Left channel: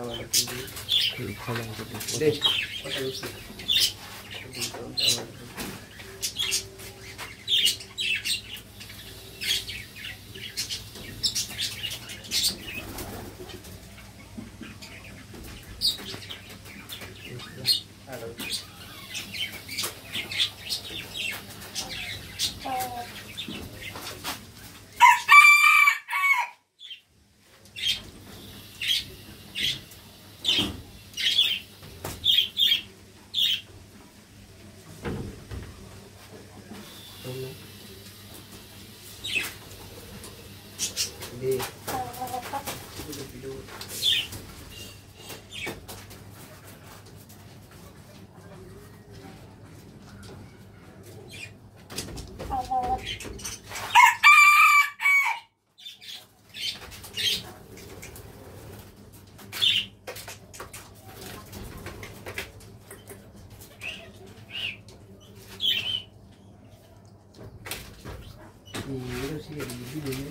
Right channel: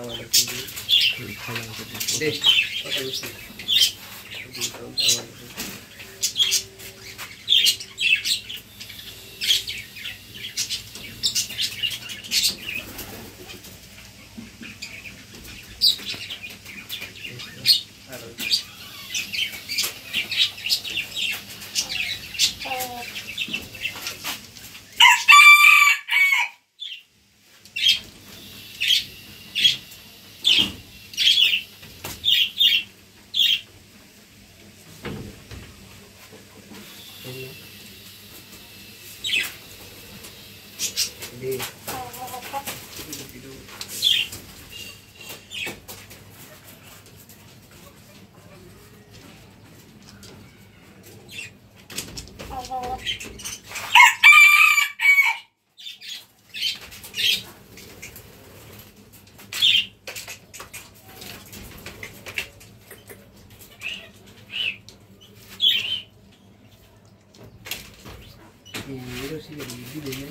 tawala tinggi. Salah gitu. Deh, kok terus sih? Tawala. Hindi. Iya, sih dari video ya.